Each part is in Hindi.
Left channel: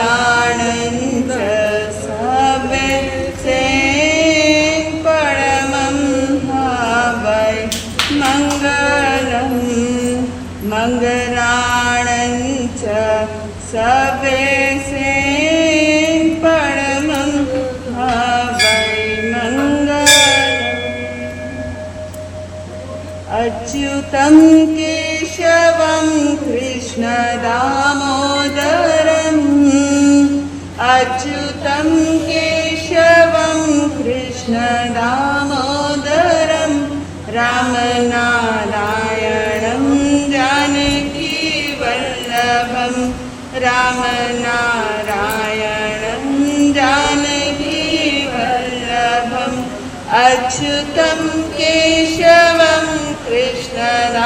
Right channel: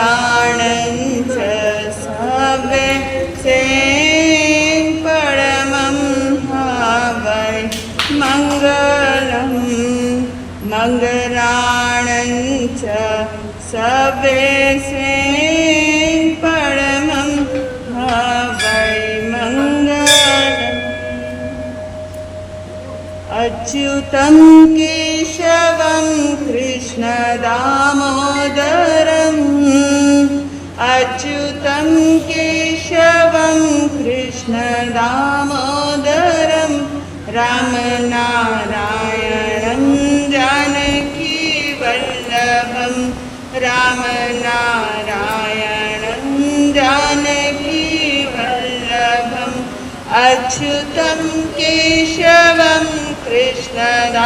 मङ्गलाणञ्च सवेसे परमं वै मङ्गलं मङ्गलाणञ्च सवेसे परमं वै मङ्गलम् अच्युतं केशवं कृष्णदामोदरम् अच्युतं केशवं कृष्णदामोदरं रामनारायणं जानकीवल्लभं रामनारायणं जानकीवल्लभम् अच्युतं केशवं कृष्णदामोदरम्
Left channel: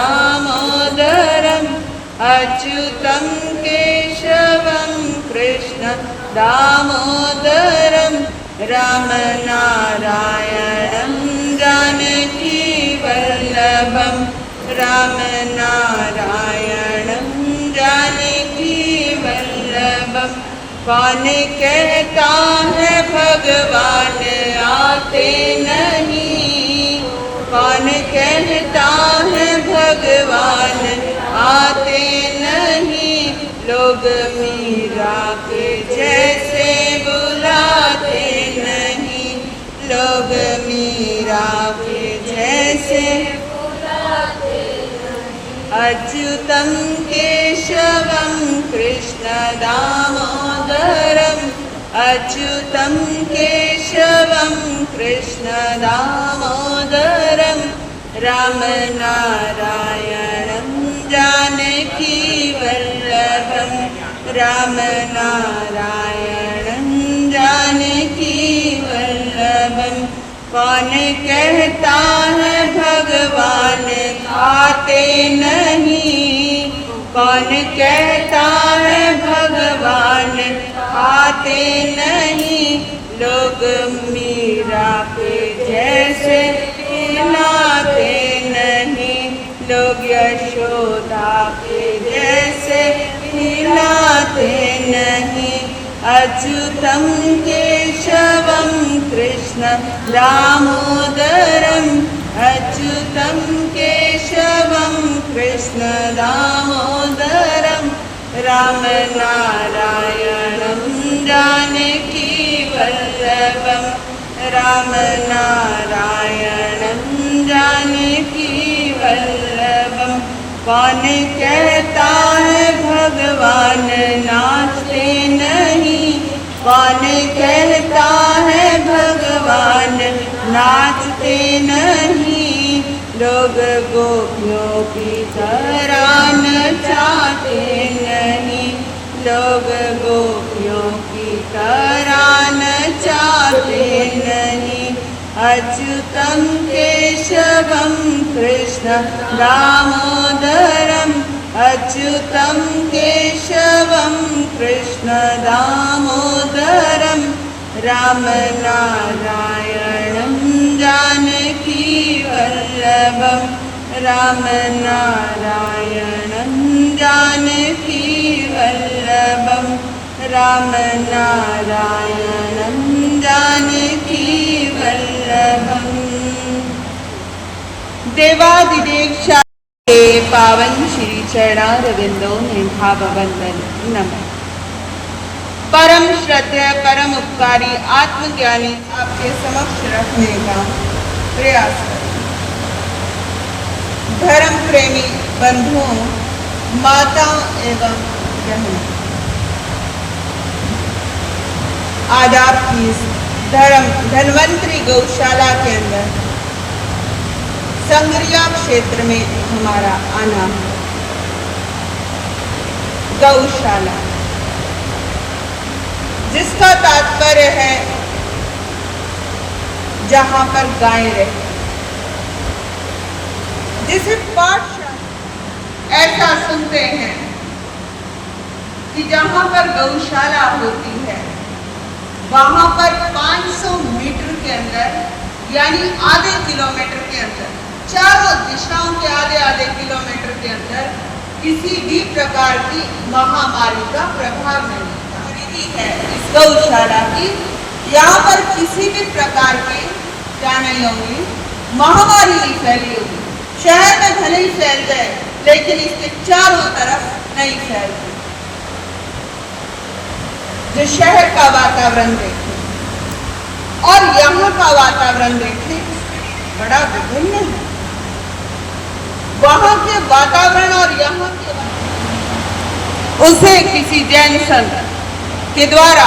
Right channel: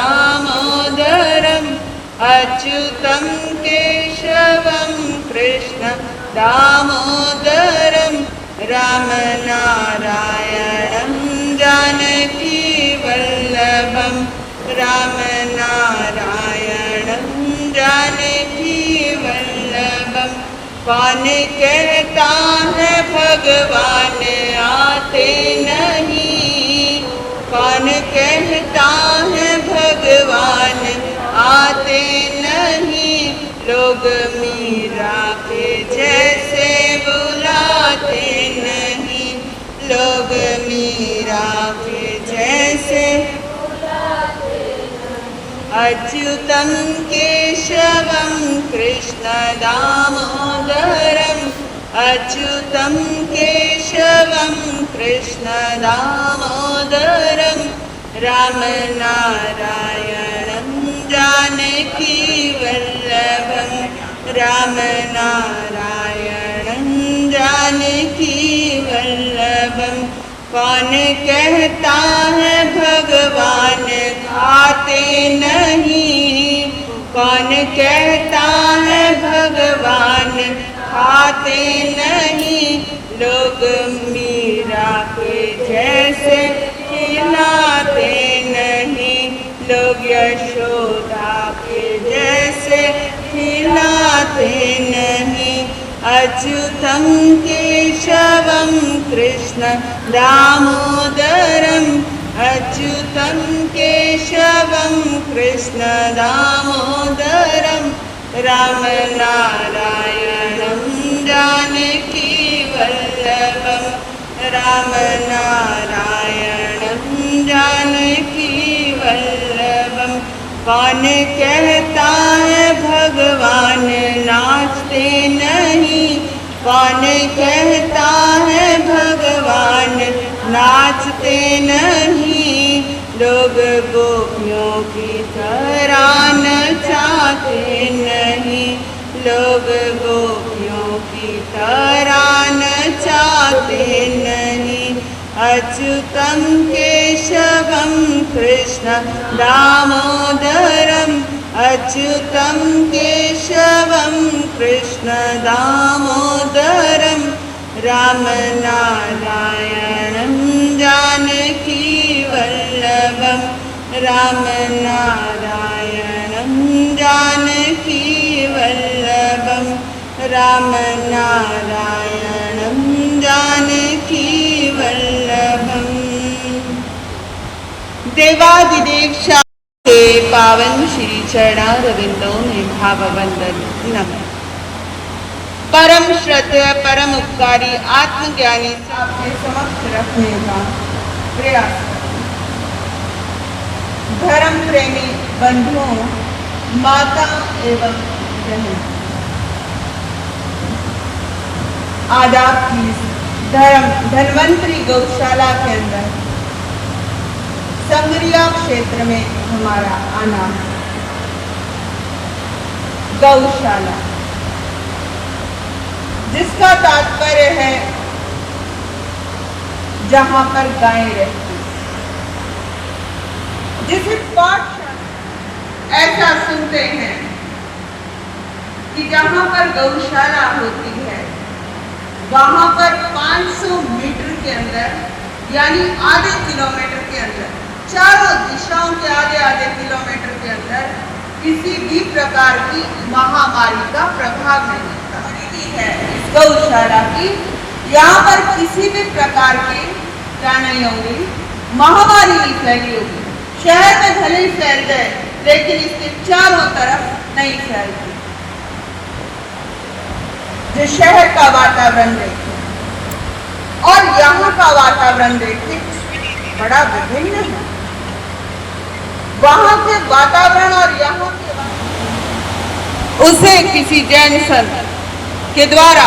अच्युतं केशवं कृष्णदामोदरं रामनारायणं जानकीवल्लभं रामनारायणं जानकीवल्लभं कौन कहता है भगवान आते नहीं कौन कहता है भगवान आते नहीं लोग मीरा के जैसे बुलाते नहीं लोग मीरा के जैसे अच्युतं केशवं कृष्णदामोदरम् अच्युतं केशवं कृष्णदामोदरं रामनारायणं जानकीवल्लभं रामनारायणं जानकीवल्लभं कौन कहता है भगवान खाते नहीं कौन कहता है भगवान खाते नहीं लोग मीरा के जैसे खिलाते नहीं लोग यशोदा के जैसे खिलाते नहीं अच्युतं केशवं कृष्ण दामोदरम् अच्युतं केशवं कृष्ण दामोदरं रामनारायणं जानकीवल्लभं रामनारायणं जानकीवल्लभं कौन कहता है भगवान नाचते नहीं कौन कहता है भगवान नाचते नहीं लोग गोपियों की तरह नचाते नहीं लोग गोपियों की तरह नचाते नहीं अच्युतं केशवं कृष्ण दामोदरम् अच्युतं केशवं कृष्ण दामोदरं रामनारायणं जानकीवल्लभं रामनारायणं जानकीवल्लभं रामनारायणं जानकीवल्लभं देवादिदेव के पावन श्री चरणारविंदों में भाववंदन नमः। परम श्रद्धेय परम उपकारी आत्मज्ञानी आपके समक्ष रखने का प्रयास करें। धर्म प्रेमी बंधुओं, माता एवं बहनों, आज आपकी इस धन्वंतरी गौशाला के अंदर संगरिया क्षेत्र में हमारा आना गौशाला, जिसका तात्पर्य है जहां पर गायें रहती, जिसे पाठ ऐसा सुनते हैं कि जहां पर गौशाला होती है वहां पर 500 मीटर के अंदर यानी आधे किलोमीटर के अंदर, चारों दिशाओं के आधे आधे किलोमीटर के अंदर किसी भी प्रकार की महामारी का प्रभाव नहीं होता। गौशाला की। यहाँ पर किसी भी प्रकार की क्या नहीं होगी, महामारी नहीं फैली होगी। शहर में भले ही फैल गए लेकिन इसके चारों तरफ नहीं फैलती। जो शहर का वातावरण देखें और यहाँ का वातावरण देखें, बड़ा विभिन्न है। वहां के वातावरण और यहाँ के उसे किसी जैन संत के द्वारा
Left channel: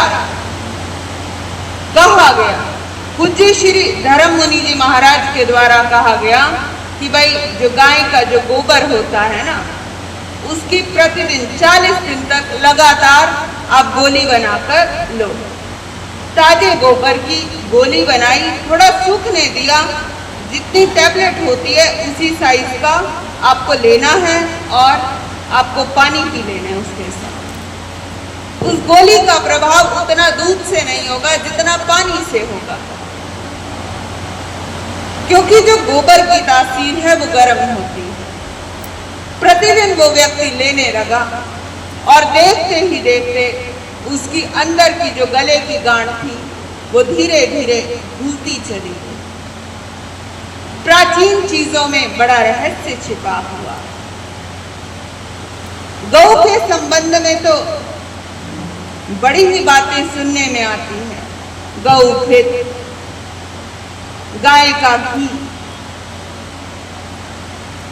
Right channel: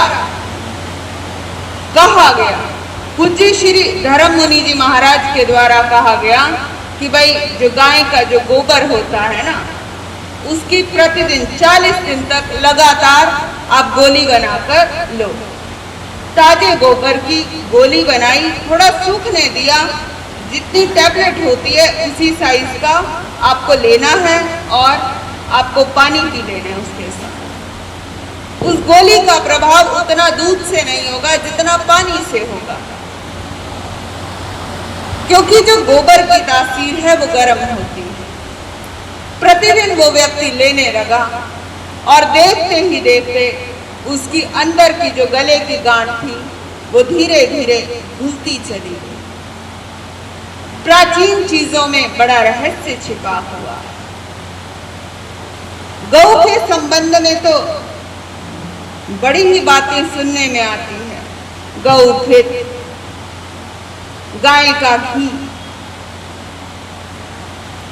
कहा गया, पूज्य श्री धर्म मुनि जी महाराज के द्वारा कहा गया कि भाई जो गाय का जो गोबर होता है ना, उसकी प्रतिदिन 40 दिन तक लगातार आप गोली बनाकर लो। ताजे गोबर की गोली बनाई, थोड़ा सूखने दिया, जितनी टैबलेट होती है उसी साइज का आपको लेना है और आपको पानी पी लेना है उसके साथ। उस गोली का प्रभाव उतना दूध से नहीं होगा जितना पानी से होगा, क्योंकि जो गोबर की तासीर है वो गर्म होती है। प्रतिदिन वो व्यक्ति लेने लगा और देखते ही देखते उसकी अंदर की जो गले की गांठ थी वो धीरे धीरे भूलती चली गई। प्राचीन चीजों में बड़ा रहस्य छिपा हुआ है। गौ के संबंध में तो बड़ी ही बातें सुनने में आती हैं। गौ घृत, गाय का घी,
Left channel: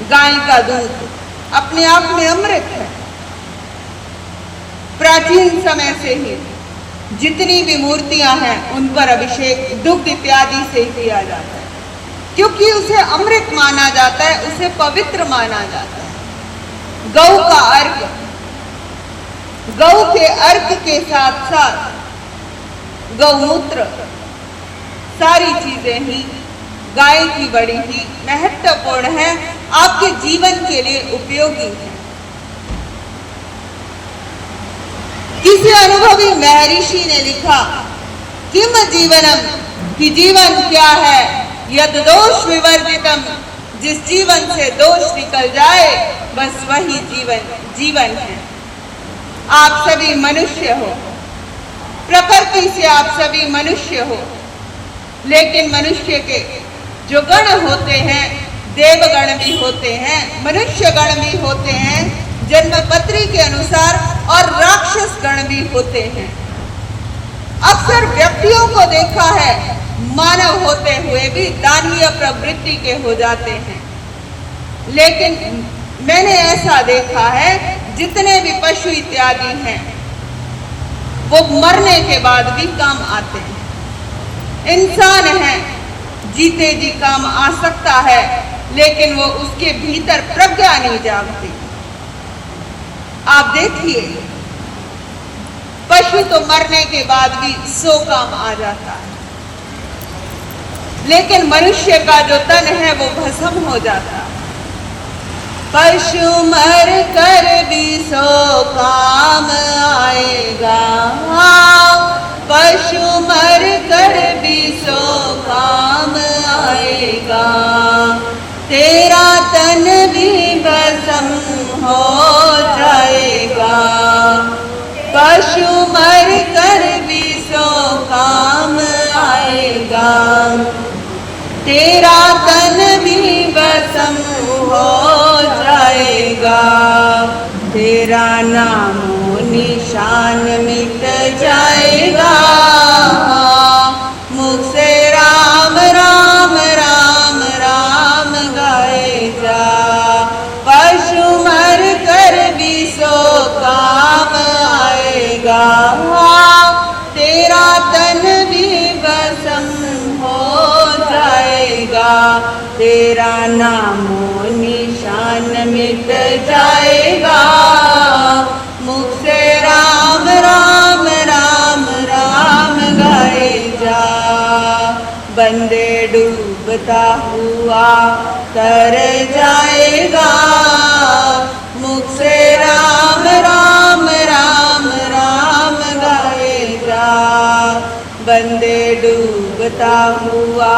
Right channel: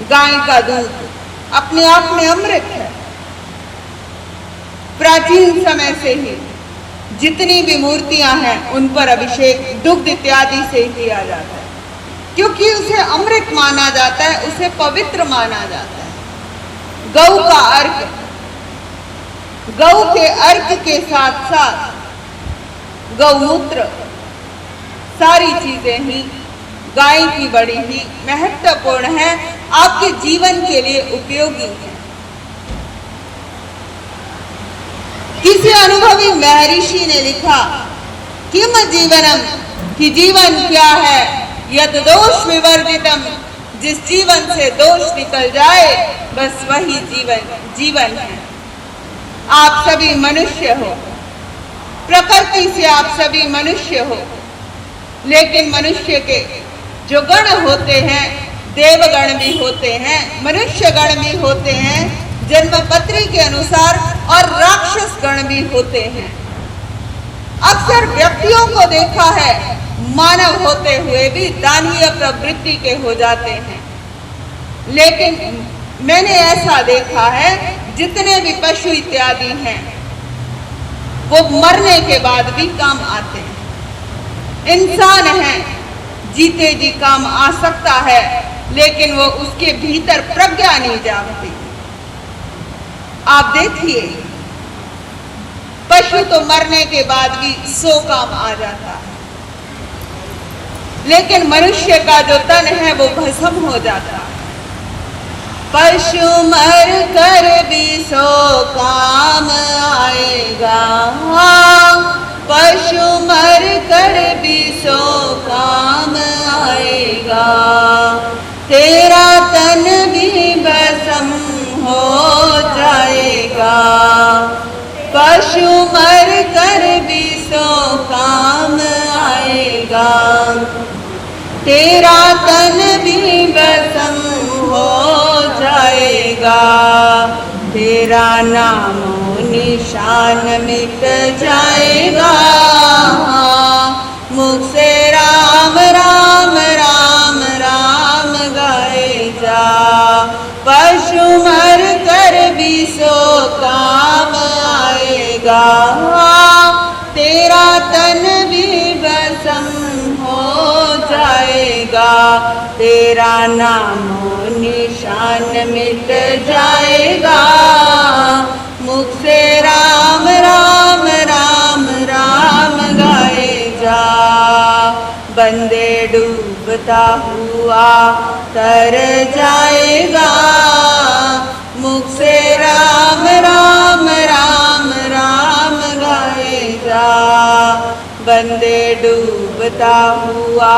गाय का दूध अपने आप में अमृत है। प्राचीन समय से ही जितनी भी मूर्तियां हैं उन पर अभिषेक दुग्ध इत्यादि से ही किया जाता है, क्योंकि उसे अमृत माना जाता है, उसे पवित्र माना जाता है। गौ का अर्घ, गौ के अर्घ के साथ साथ गौमूत्र, सारी चीजें ही गाय की बड़ी ही महत्वपूर्ण है, आपके जीवन के लिए उपयोगी है। किसी अनुभवी महर्षि ने लिखा, किम जीवनम, कि जीवन क्या है, यद दोष विवर्जितम, जिस जीवन से दोष निकल जाए बस वही जीवन है। आप सभी मनुष्य हो, प्रकृति से आप सभी मनुष्य हो, लेकिन मनुष्य के जो गण होते हैं, देवगण भी होते हैं, मनुष्य गण भी होते हैं जन्मपत्री के अनुसार, और राक्षस गण भी होते हैं। अक्सर व्यक्तियों को देखा है मानव होते हुए भी दानवीय प्रवृत्ति के हो जाते हैं, लेकिन मैंने ऐसा देखा है जितने भी पशु इत्यादि हैं वो मरने के बाद भी काम आते हैं। इंसान है, जीते जी काम आ सकता है, लेकिन वो उसके भीतर प्रज्ञा नहीं जागती। आप देखिए, पशु तो मरने के बाद भी 100 काम आ जाता है, लेकिन मनुष्य का जो तन है वो भस्म हो जाता है। पशु मर कर भी 100 काम आएगा, पशु मर कर भी 100 काम आएगा, तेरा तन भी भस्म हो जाएगा। पशु मर कर भी 100 काम आएगा, तेरा तन भी भस्म हो जाएगा, तेरा नाम निशान मिट जाएगा। मुख से राम राम राम राम गाए जा, पशु मर कर भी 100 काम आएगा, तेरा तन भी भस्म हो जाएगा, तेरा नाम निशान मिट जाएगा। मुख से राम राम राम राम गाए जा, बंदे डूबता हुआ तर जाएगा। मुख से राम राम राम राम गाए जा, बंदे डूबता हुआ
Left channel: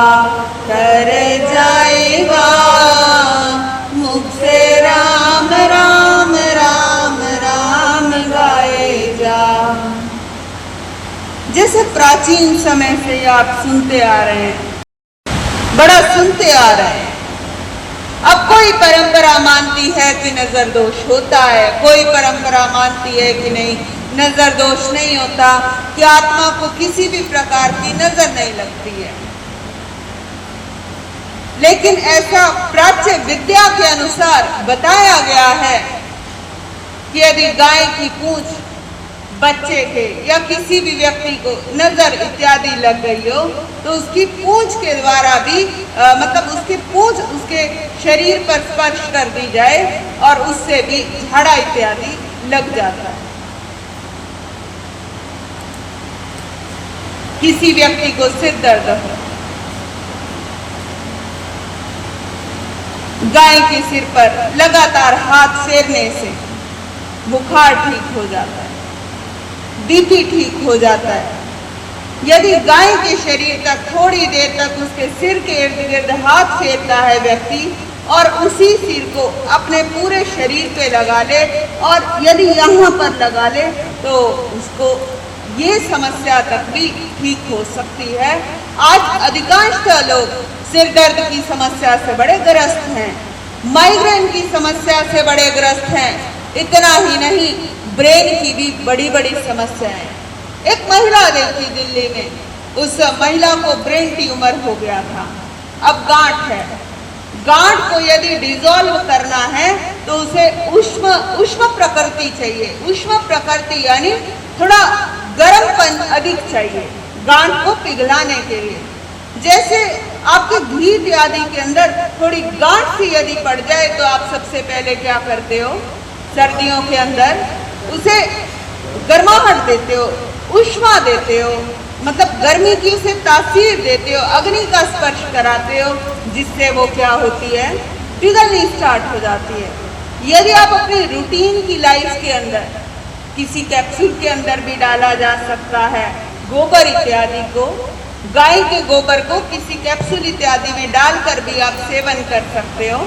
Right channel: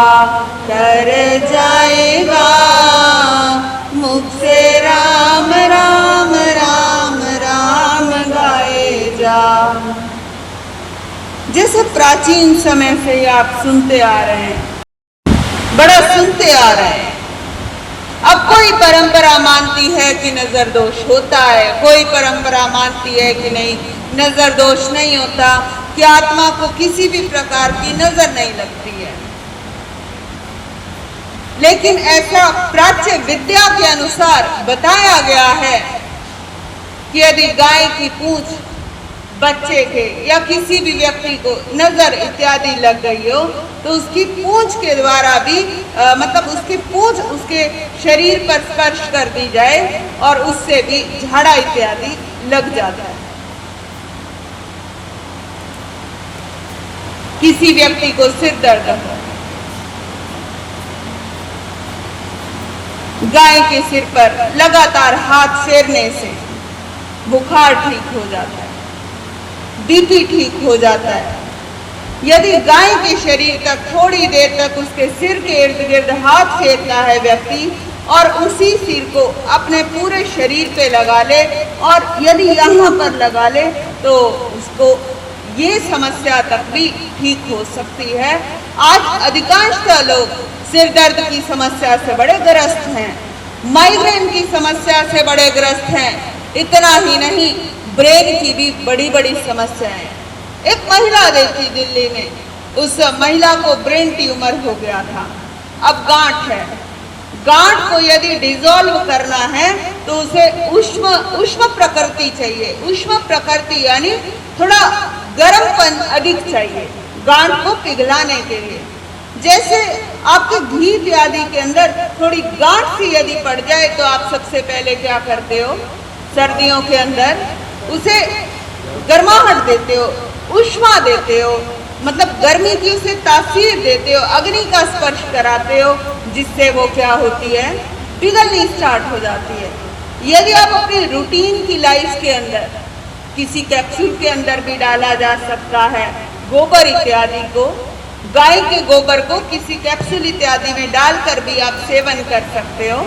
तर जाएगा। मुख से राम राम राम राम गाए जा। जैसे प्राचीन समय से आप सुनते आ रहे हैं, बड़ा सुनते आ रहे हैं। अब कोई परंपरा मानती है कि नजर दोष होता है, कोई परंपरा मानती है कि नहीं नजर दोष नहीं होता, कि आत्मा को किसी भी प्रकार की नजर नहीं लगती है। लेकिन ऐसा प्राच्य विद्या के अनुसार बताया गया है कि यदि गाय की पूंछ बच्चे के या किसी भी व्यक्ति को नजर इत्यादि लग गई हो तो उसकी पूंछ के द्वारा भी मतलब उसकी पूंछ उसके शरीर पर स्पर्श कर दी जाए और उससे भी झाड़ा इत्यादि लग जाता है। किसी व्यक्ति को सिर दर्द हो, गाय के सिर पर लगातार हाथ फेरने से बुखार ठीक हो जाता है, बीपी ठीक हो जाता है। यदि गाय के शरीर तक थोड़ी देर तक उसके सिर के इर्द गिर्द हाथ फेरता है व्यक्ति और उसी सिर को अपने पूरे शरीर पे लगा ले और यदि यहाँ पर लगा ले तो उसको ये समस्या तक भी ठीक हो सकती है। आज अधिकांशतः लोग सिर दर्द की समस्या से बड़े ग्रस्त हैं, माइग्रेन की समस्या से बड़े ग्रस्त हैं। इतना ही नहीं, ब्रेन की भी बड़ी बड़ी समस्याएं। एक महिला देखी दिल्ली में, उस महिला को ब्रेन ट्यूमर हो गया था, अब गांठ है। गांठ को यदि डिसॉल्व करना है तो उसे उष्ण प्रकृति चाहिए। उष्ण प्रकृति यानी थोड़ा गर्मपन अधिक चाहिए गांठ को पिघलाने के लिए। जैसे आपके घी इत्यादि के अंदर थोड़ी गांठ सी यदि पड़ जाए तो आप सबसे पहले क्या करते हो, सर्दियों के अंदर उसे गर्माहट देते हो, ऊष्मा देते हो, मतलब गर्मी की उसे तासीर देते हो, अग्नि का स्पर्श कराते हो, जिससे वो क्या होती है, पिघलनी स्टार्ट हो जाती है। यदि आप अपनी रूटीन की लाइफ के अंदर किसी कैप्सूल के अंदर भी डाला जा सकता है, गोबर इत्यादि को, गाय के गोबर को किसी कैप्सूल इत्यादि में डालकर भी आप सेवन कर सकते हो,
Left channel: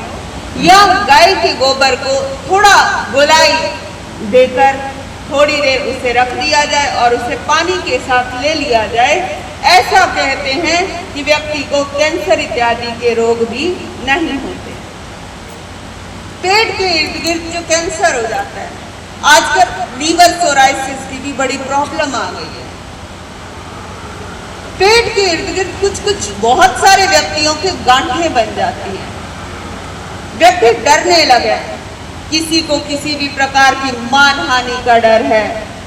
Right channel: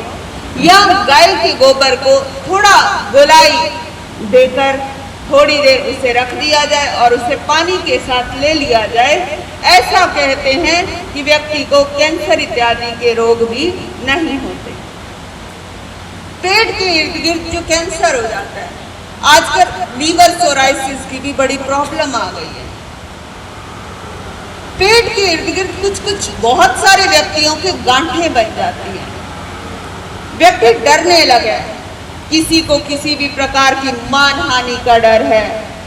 या गाय के गोबर को थोड़ा गोलाई देकर थोड़ी देर उसे रख दिया जाए और उसे पानी के साथ ले लिया जाए। ऐसा कहते हैं कि व्यक्ति को कैंसर इत्यादि के रोग भी नहीं होते। पेट के इर्द गिर्द जो कैंसर हो जाता है, आजकल लीवर सोराइसिस की भी बड़ी प्रॉब्लम आ गई है। पेट के इर्द गिर्द कुछ बहुत सारे व्यक्तियों के गांठें बन जाती हैं। व्यक्ति डरने लगे, किसी को किसी भी प्रकार की मानहानि का डर है,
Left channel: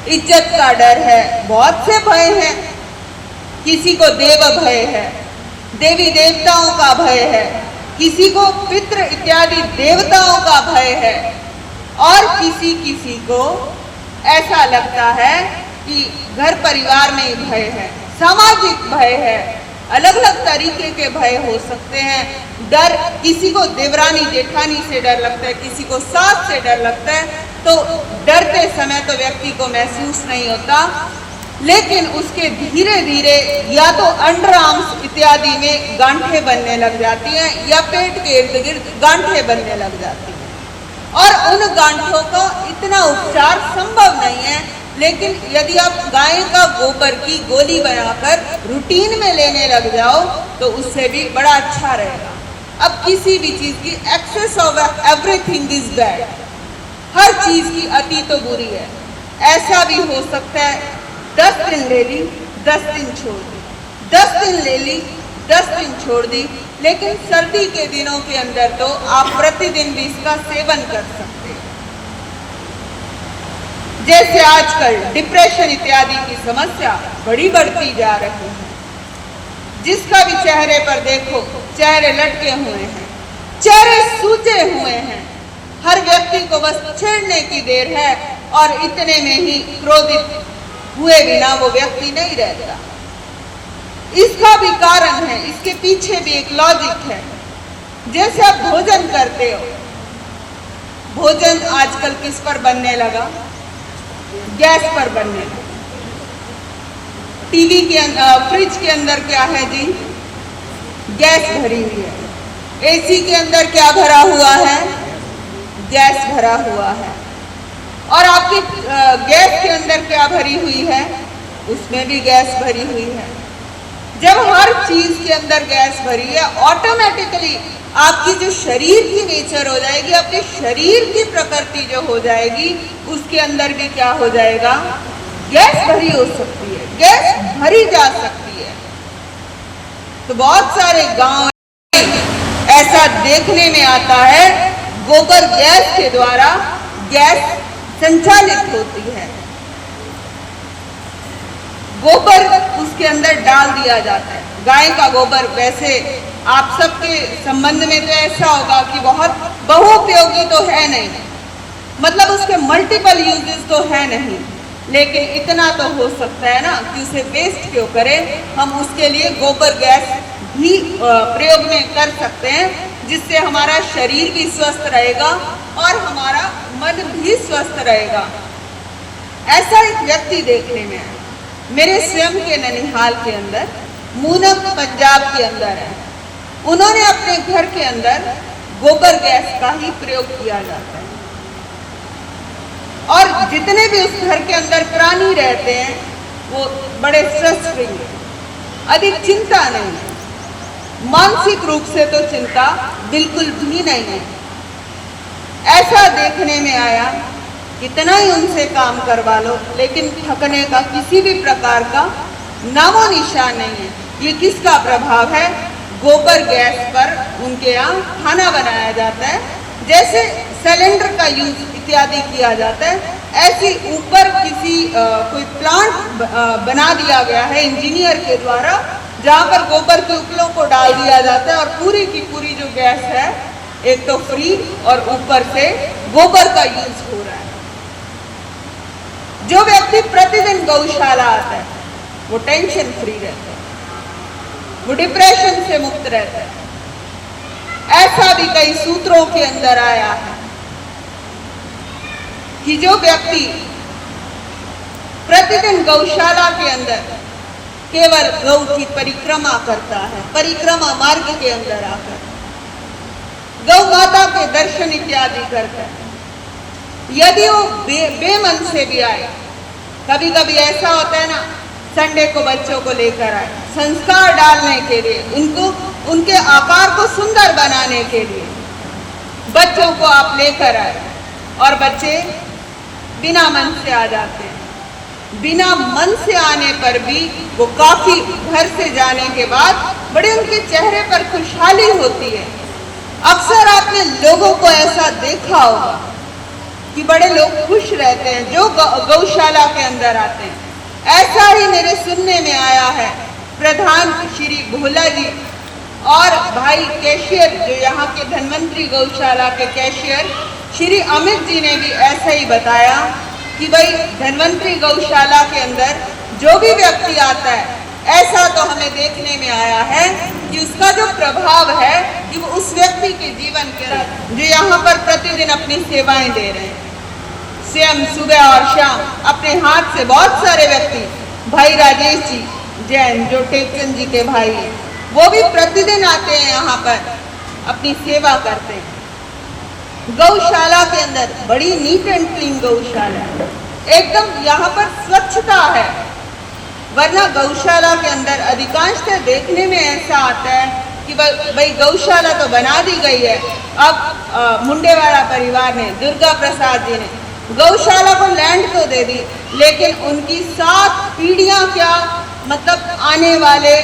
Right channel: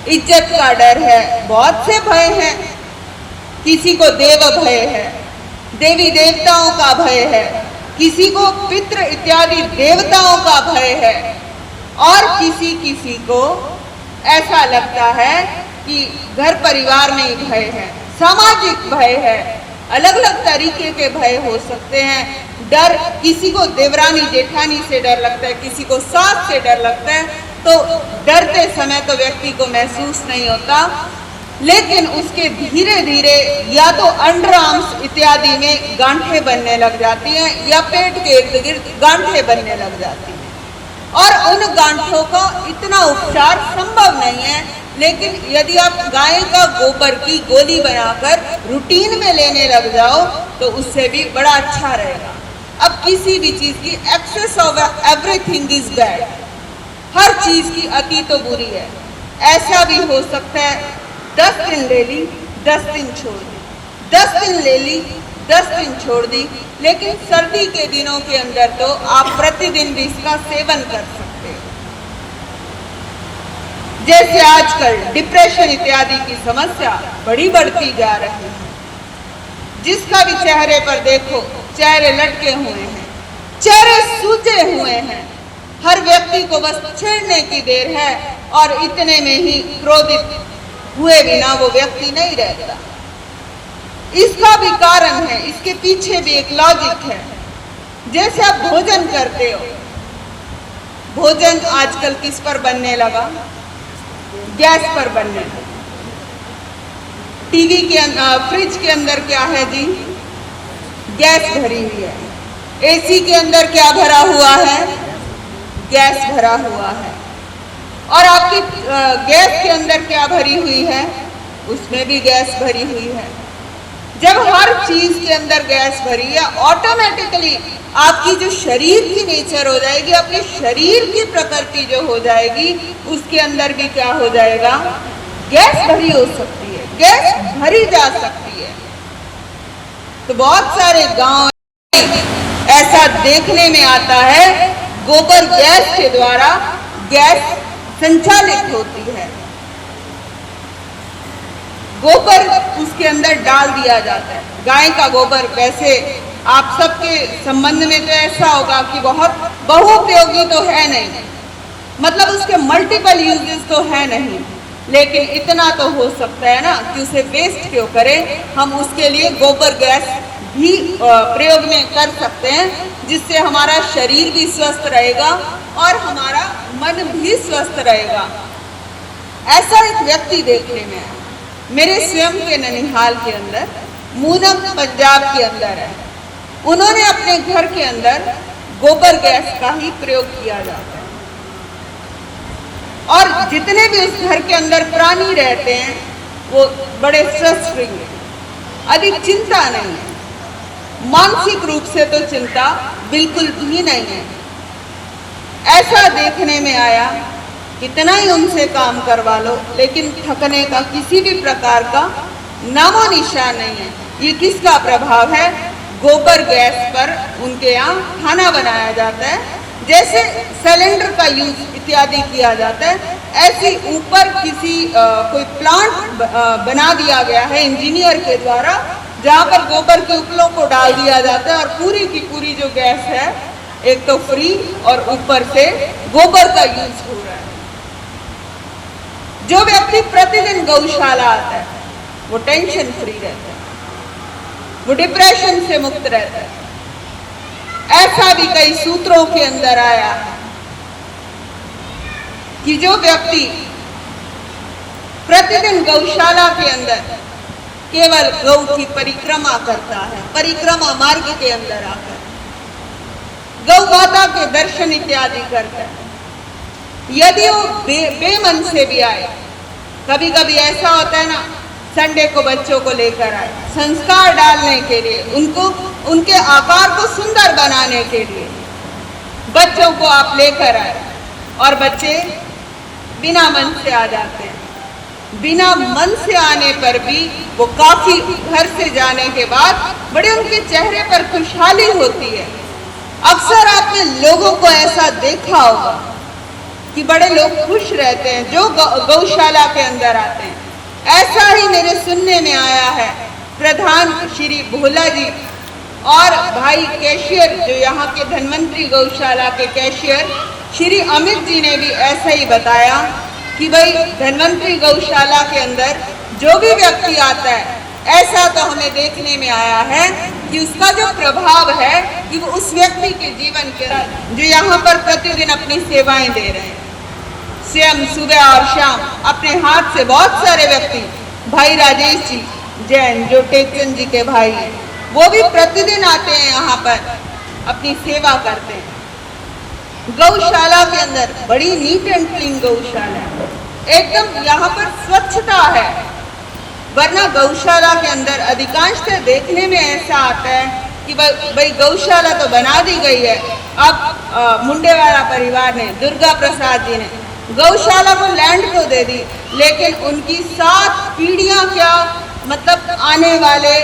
इज्जत का डर है, बहुत से भय हैं। किसी को देव भय है, देवी देवताओं का भय है, किसी को पितृ इत्यादि देवताओं का भय है, और किसी को ऐसा लगता है कि घर परिवार में ही भय है, सामाजिक भय है, अलग अलग तरीके के भय हो सकते हैं। डर, किसी को देवरानी जेठानी से डर लगता है, किसी को सास से डर लगता है, तो डरते समय तो व्यक्ति को महसूस नहीं होता, लेकिन उसके धीरे धीरे या तो अंडर आर्म्स इत्यादि में गांठें बनने लग जाती हैं या पेट के इर्द गिर्द गांठें बनने लग जाती हैं, और उन गांठों का इतना उपचार संभव नहीं है। लेकिन यदि आप गाय का गोबर की गोली बनाकर रूटीन में लेने लग जाओ तो उससे भी बड़ा अच्छा रहेगा। अब किसी भी चीज की excess of everything is bad, हर चीज की अति तो बुरी है। ऐसा भी हो सकता है 10 दिन ले ली, 10 दिन छोड़ दी, 10 दिन ले ली, 10 दिन छोड़ दी, लेकिन सर्दी के दिनों के अंदर तो आप प्रतिदिन भी इसका सेवन कर सकते हो। जैसे आजकल डिप्रेशन इत्यादि की समस्या बड़ी बढ़ती जा रही है, जिसका भी चेहरे पर देखो चेहरे लटके हुए हैं, चेहरे सूजे हुए हैं, हर व्यक्ति को बस छेड़ने की देर है और इतने में ही क्रोधित हुए बिना वो व्यक्ति नहीं रहता। इसका भी कारण है, इसके पीछे भी एक लॉजिक है। जैसे आप भोजन करते हो, भोजन आजकल किस पर बनने लगा, गैस पर बनने लगा। टीवी के फ्रिज के अंदर क्या है जी, गैस भरी हुई है। एसी के अंदर क्या भरा हुआ है, गैस भरा हुआ है। और आपकी गैस के अंदर क्या भरी हुई है, उसमें भी गैस भरी हुई है। जब हर चीज के अंदर गैस भरी है, ऑटोमेटिकली आपकी जो शरीर की नेचर हो जाएगी, अपने शरीर की प्रकृति जो हो जाएगी, उसके अंदर भी क्या हो जाएगा, गैस भरी हो सकती है, गैस भरी जा सकती है। तो बहुत सारे गांव ऐसा देखने में आता है, गोबर गैस के द्वारा गैस संचालित होती है। गोबर उसके अंदर डाल दिया जाता है। गाय का गोबर, वैसे आप सबके संबंध में तो ऐसा होगा कि बहुत बहुउपयोगी तो है नहीं, मतलब उसके मल्टीपल यूजेस तो है नहीं, लेकिन इतना तो हो सकता है ना कि उसे वेस्ट क्यों करें, हम उसके लिए गोबर गैस भी प्रयोग में कर सकते हैं, जिससे हमारा शरीर भी स्वस्थ रहेगा और हमारा मन भी स्वस्थ रहेगा। ऐसा एक व्यक्ति देखने में है मेरे स्वयं के ननिहाल के अंदर, मूनक पंजाब के अंदर है। उन्होंने अपने घर के अंदर गोबर गैस का ही प्रयोग किया जाता है, और जितने भी उस घर के अंदर प्राणी रहते हैं वो बड़े स्ट्रेस फ्री हैं, अधिक चिंता नहीं है, मानसिक रूप से तो चिंता बिल्कुल भी नहीं है। ऐसा देखने में आया, कितना ही उनसे काम करवा लो, लेकिन थकने का किसी भी प्रकार का नामो निशान नहीं है। ये किसका प्रभाव है? गोबर गैस पर उनके यहाँ खाना बनाया जाता है। जैसे सिलेंडर का यूज इत्यादि किया जाता है, ऐसे ऊपर किसी कोई प्लांट बना दिया गया है इंजीनियर के द्वारा, जहाँ पर गोबर के उपलों को डाल दिया जाता है और पूरी की पूरी जो गैस है एक तो फ्री और ऊपर से गोबर का यूज हो रहा है। जो व्यक्ति प्रतिदिन गौशाला आता है वो टेंशन फ्री रहता है, वो डिप्रेशन से मुक्त रहता है। ऐसा भी कई सूत्रों के अंदर आया है कि जो व्यक्ति प्रतिदिन गौशाला के अंदर केवल गौ की परिक्रमा करता है, परिक्रमा मार्ग के अंदर आकर गौ माता के दर्शन इत्यादि करता है, यदि वो बेमन से भी आए, कभी कभी ऐसा होता है ना, संडे को बच्चों को लेकर आए संस्कार डालने के लिए, उनको उनके आकार को सुंदर बनाने के लिए बच्चों को आप लेकर आए, और बच्चे बिना मन से आ जाते हैं। बिना मन से आने पर भी वो काफी घर से जाने के बाद बड़े उनके चेहरे पर खुशहाली होती है। अक्सर आपने लोगों को ऐसा देखा होगा कि बड़े लोग खुश रहते हैं जो गौशाला के अंदर आते हैं। ऐसा ही मेरे सुनने में आया है, प्रधान श्री भोला जी और भाई कैशियर, जो यहाँ के धन्वंतरी गौशाला के कैशियर श्री अमित जी ने भी ऐसा ही बताया कि भाई धन्वंतरी गौशाला के अंदर जो भी व्यक्ति आता है, ऐसा तो हमें देखने में आया है कि उसका जो प्रभाव है कि वो उस व्यक्ति के जीवन के अंदर जो यहाँ पर प्रतिदिन अपनी सेवाएं दे रहे हैं, स्वयं सुबह और शाम अपने हाथ से बहुत सारे व्यक्ति, भाई राजेश जी जैन जो टेकचंद जी के भाई हैं, वो भी प्रतिदिन आते हैं यहाँ पर अपनी सेवा करते हैं। गौशाला के अंदर बड़ी नीट एंड क्लीन गौशाला है, एकदम यहाँ पर स्वच्छता है। वरना गौशाला के अंदर अधिकांशतः देखने में ऐसा आता है कि भाई गौशाला तो बना दी गई है, अब मुंडेवाला परिवार ने, दुर्गा प्रसाद जी ने गौशाला को लैंड तो दे दी, लेकिन उनकी 7 पीढ़ियां क्या, मतलब आने वाले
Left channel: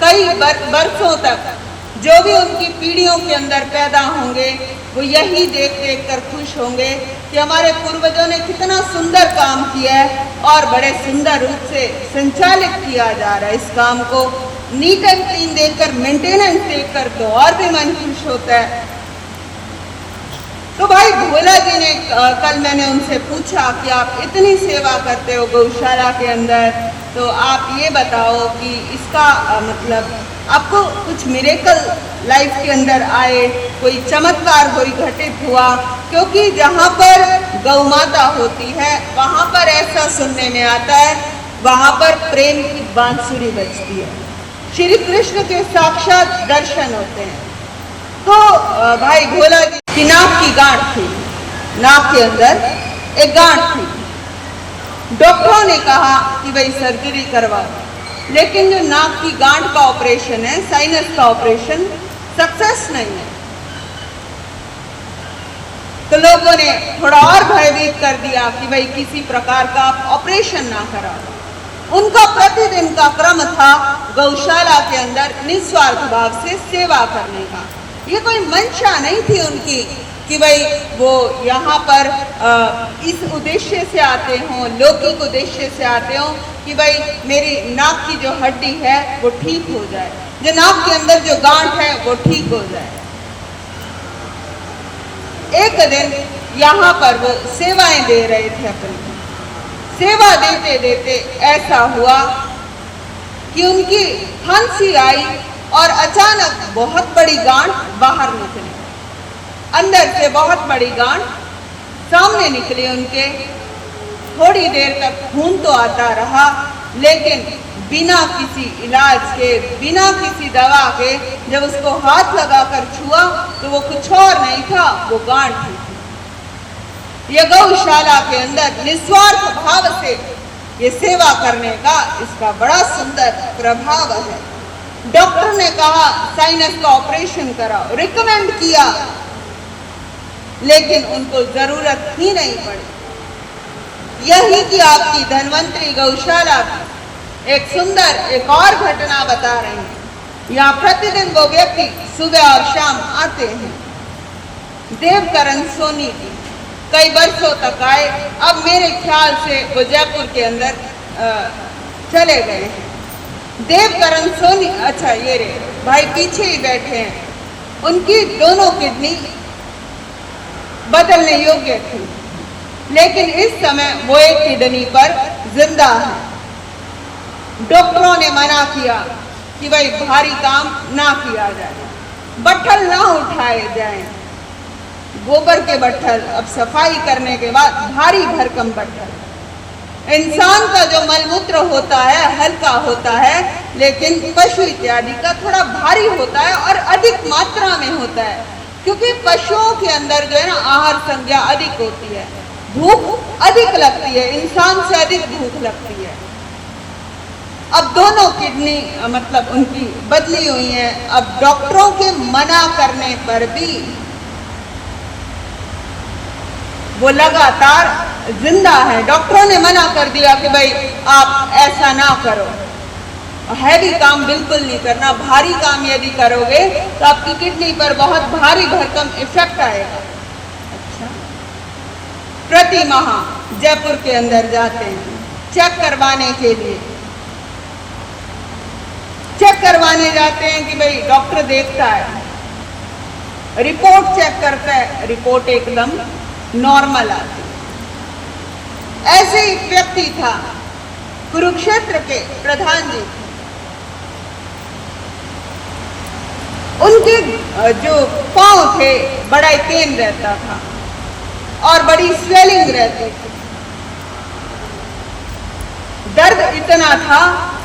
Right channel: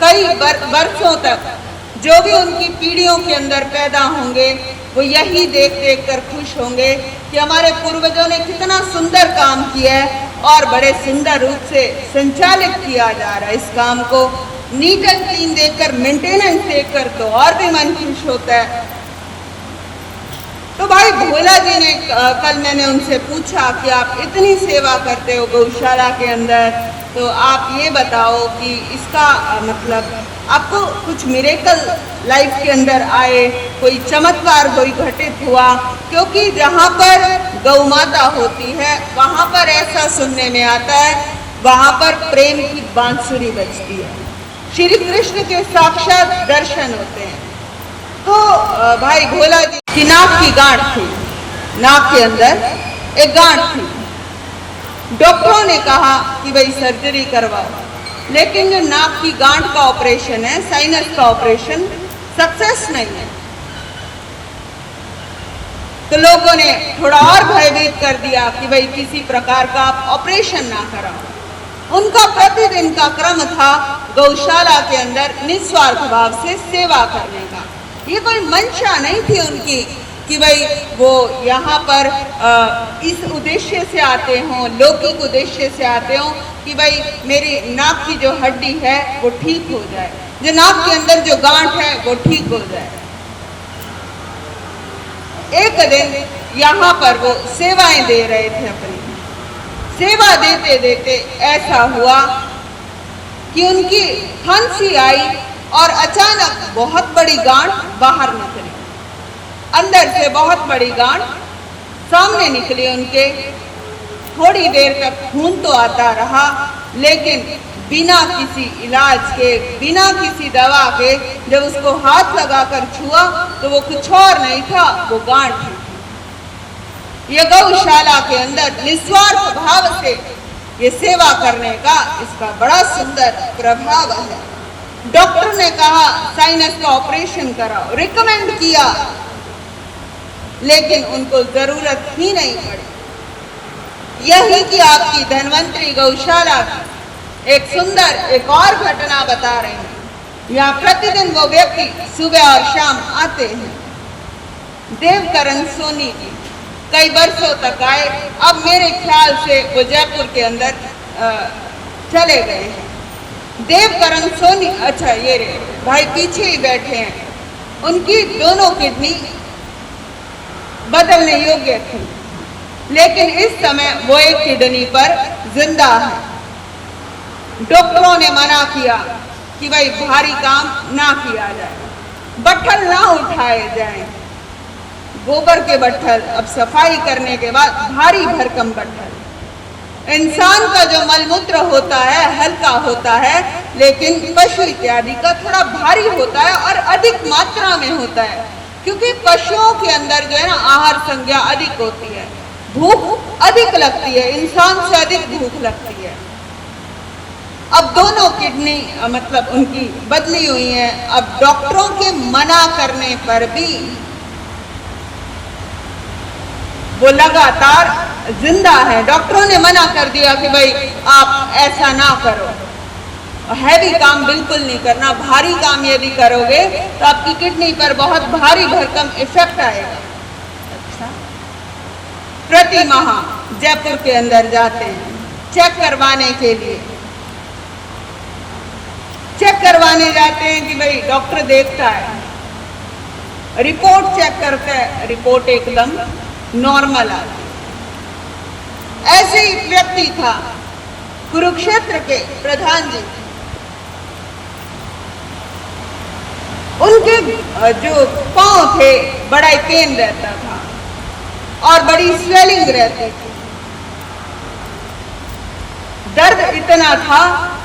कई वर्षों तक जो भी उनकी पीढ़ियों के अंदर पैदा होंगे वो यही देख देख कर खुश होंगे कि हमारे पूर्वजों ने कितना सुंदर काम किया है और बड़े सुंदर रूप से संचालित किया जा रहा है। इस काम को नीट एंड क्लीन देखकर, मेंटेनेंस देखकर तो और भी मन खुश होता है। तो भाई भोला जी ने, कल मैंने उनसे पूछा कि आप इतनी सेवा करते हो गौशाला के अंदर, तो आप ये बताओ कि इसका मतलब आपको कुछ मिरेकल लाइफ के अंदर आए, कोई चमत्कार कोई घटित हुआ? क्योंकि जहाँ पर गौ माता होती है वहाँ पर ऐसा सुनने में आता है, वहाँ पर प्रेम की बांसुरी बजती है, श्री कृष्ण के साक्षात दर्शन होते हैं। तो भाई भोला जी की नाक की गांठ थी, नाक के अंदर एक गांठ थी, डॉक्टरों ने कहा कि भाई सर्जरी करवाओ, लेकिन जो नाक की गांठ का ऑपरेशन है, साइनस का ऑपरेशन, सक्सेस नहीं है। तो लोगों ने थोड़ा और भयभीत कर दिया कि भाई किसी प्रकार का आप ऑपरेशन ना कराओ। उनका प्रतिदिन का क्रम था गौशाला के अंदर निस्वार्थ भाव से सेवा करने का। ये कोई मंशा नहीं थी उनकी कि भाई वो यहाँ पर इस उद्देश्य से आते हों, लौकिक उद्देश्य से आते हों कि भाई मेरी नाक की जो हड्डी है वो ठीक हो जाए, जो नाक के अंदर जो गांठ है वो ठीक हो जाए। एक दिन यहाँ पर वो सेवाएं दे रहे थे, अपनी सेवा देते देते ऐसा हुआ कि उनकी खांसी आई और अचानक बहुत बड़ी गांठ बाहर निकली, अंदर से बहुत बड़ी गांठ सामने निकली उनके। थोड़ी देर तक खून तो आता रहा, लेकिन बिना किसी इलाज के, बिना किसी दवा के जब उसको हाथ लगाकर छुआ तो वो कुछ और नहीं था, वो गांठ थी। यह गौशाला के अंदर निस्वार्थ भाव से ये सेवा करने का इसका बड़ा सुंदर प्रभाव है। डॉक्टर ने कहा साइनस का ऑपरेशन कराओ, रिकमेंड किया, लेकिन उनको जरूरत ही नहीं पड़ी। यही कि आपकी धन्वंतरी गौशाला की एक सुंदर एक और घटना बता रही हूँ। यहाँ प्रतिदिन वो व्यक्ति सुबह और शाम आते हैं। देवकरण सोनी जी कई वर्षों तक आए, अब मेरे ख्याल से वो जयपुर के अंदर चले गए हैं। देवकरण सोनी, अच्छा ये रे भाई पीछे ही बैठे हैं, उनकी दोनों किडनी बदलने योग्य थी, लेकिन इस समय वो एक किडनी पर जिंदा है। डॉक्टरों ने मना किया कि भाई भारी काम ना किया जाए, बट्ठल ना उठाए जाएं। गोबर के बट्ठल, अब सफाई करने के बाद भारी भरकम बट्ठल। इंसान का जो मलमूत्र होता है हल्का होता है, लेकिन पशु इत्यादि का थोड़ा भारी होता है और अधिक मात्रा में होता है, क्योंकि पशुओं के अंदर जो है ना आहार संज्ञा अधिक होती है, भूख अधिक लगती है, इंसान से अधिक भूख लगती है। अब दोनों किडनी मतलब उनकी बदली हुई है। अब डॉक्टरों के मना करने पर भी वो लगातार जिंदा है। डॉक्टरों ने मना कर दिया कि भाई आप ऐसा ना करो, हैवी काम बिल्कुल नहीं करना, भारी काम यदि करोगे तो आपकी किडनी पर बहुत भारी भरकम इफेक्ट आएगा। अच्छा, प्रति माह जयपुर के अंदर जाते हैं चेक करवाने के लिए, चेक करवाने जाते हैं कि भाई डॉक्टर देखता है, रिपोर्ट चेक करता है, रिपोर्ट एकदम नॉर्मल आती है। ऐसे ही व्यक्ति था कुरुक्षेत्र के प्रधान जी, उनके जो पांव थे बड़ा पेन रहता था और बड़ी स्वेलिंग रहती थी। दर्द इतना था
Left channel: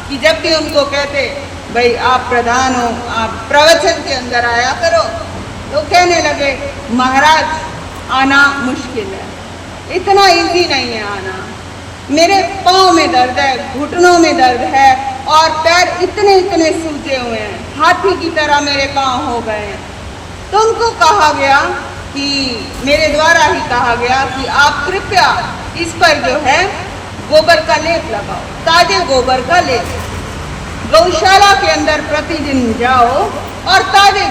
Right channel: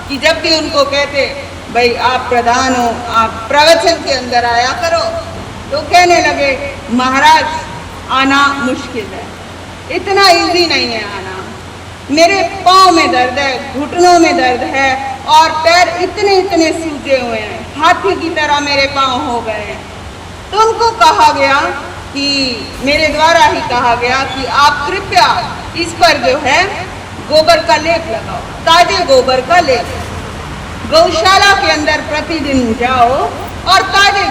कि जब भी उनको कहते भाई आप प्रधान हो, आप प्रवचन के अंदर आया करो, तो कहने लगे महाराज आना मुश्किल है, इतना इजी नहीं है आना, मेरे पाँव में दर्द है, घुटनों में दर्द है और पैर इतने इतने सूजे हुए हैं, हाथी की तरह मेरे पाँव हो गए हैं। तो उनको कहा गया कि मेरे द्वारा ही कहा गया कि आप कृपया इस पर जो है गोबर का लेप लगाओ, ताजे गोबर का लेप। गौशाला के अंदर प्रतिदिन जाओ और ताजे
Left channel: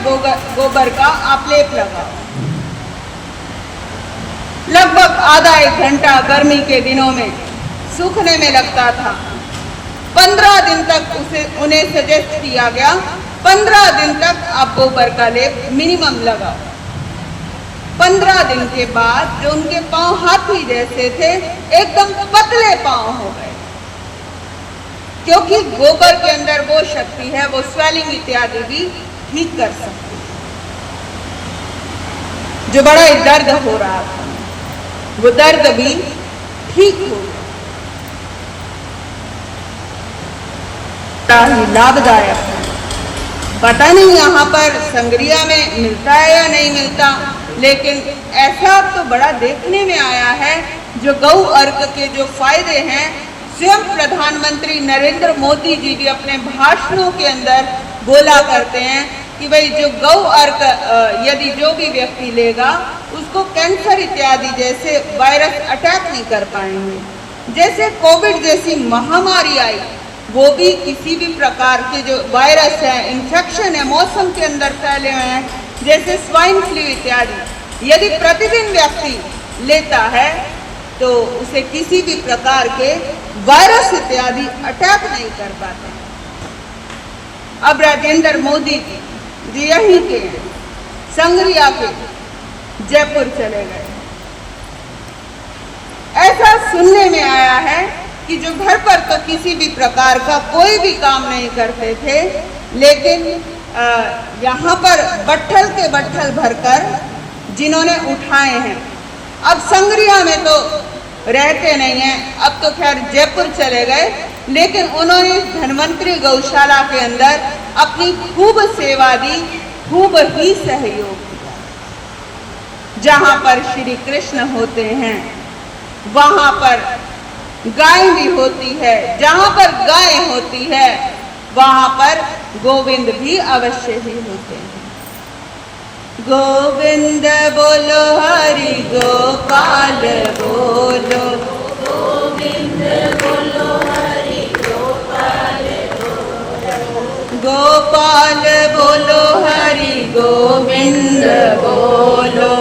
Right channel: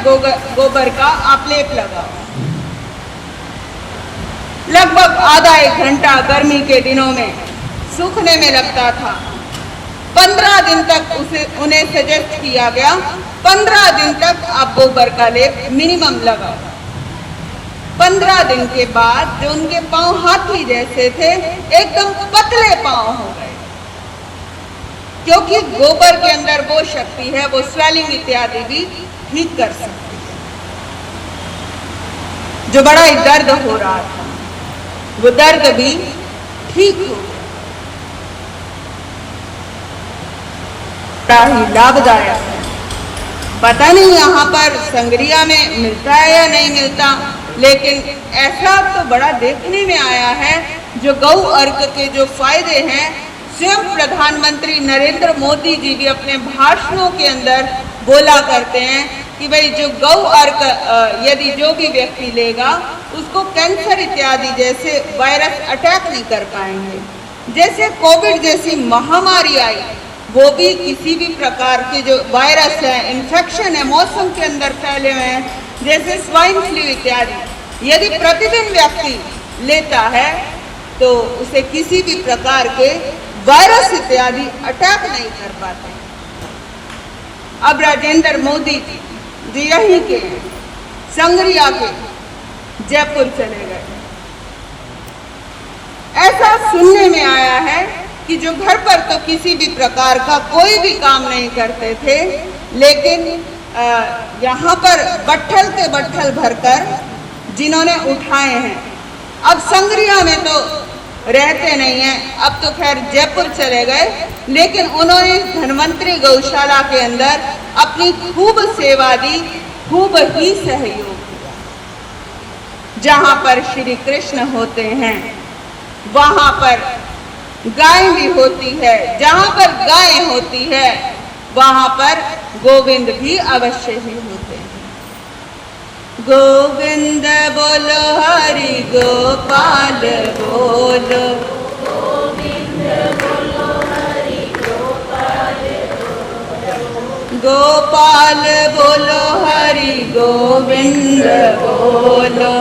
गोबर का आप लेप लगाओ। लगभग आधा एक घंटा गर्मी के दिनों में सूखने में लगता था। 15 दिन तक उन्हें सजेस्ट किया गया 15 दिन तक आप गोबर का लेप मिनिमम लगाओ। 15 दिन के बाद जो उनके पांव हाथी जैसे थे एकदम पतले पांव हो गए, क्योंकि गोबर के अंदर वो शक्ति है, वो स्वेलिंग इत्यादि भी ठीक कर सकती है। जो बड़ा ही दर्द हो रहा था वो दर्द भी ठीक हो गया। बड़ा ही लाभदायक है। पता नहीं यहाँ पर संगरिया में मिलता है या नहीं मिलता, लेकिन ऐसा तो बड़ा देखने में आया है जो गौ अर्घ के जो फायदे हैं, स्वयं प्रधानमंत्री नरेंद्र मोदी जी भी अपने भाषणों के अंदर बोला करते हैं कि भाई जो गौ अर्घ यदि जो भी व्यक्ति लेगा उसको कैंसर इत्यादि जैसे वायरस अटैक नहीं कर पाएंगे। जैसे कोविड जैसी महामारी आई, वो भी किसी भी प्रकार के जो वायरस है, इन्फेक्शन है, मौसम के अंदर फैले हुए हैं, जैसे स्वाइन फ्लू इत्यादि, यदि प्रतिदिन व्यक्ति लेता है तो उसे किसी भी प्रकार के वायरस इत्यादि अटैक नहीं कर पाते। अब राजेंद्र मोदी जी यहीं के संगरिया के जयपुर चले गए। ऐसा सुनने में आया है कि जो घर पर तो किसी भी प्रकार का कोई भी काम नहीं करते थे, लेकिन यहाँ पर बट्ठल के बट्ठल भरकर जिन्होंने उठाए हैं, अब संगरिया में तो रहते नहीं हैं, अब तो खैर जयपुर चले गए, लेकिन उन्होंने धन्वंतरी गौशाला के अंदर अपनी खूब सेवा दी, खूब ही सहयोग दिया। जहाँ पर श्री कृष्ण होते हैं वहाँ पर गाय भी होती है, जहाँ पर गाय होती है वहाँ पर गोविंद भी अवश्य ही होते हैं। गोविंद बोलो हरि गोपाल बोलो, गोविंद बोलो हरि गोपाल बोलो, गोपाल बोलो हरि गोविंद बोलो,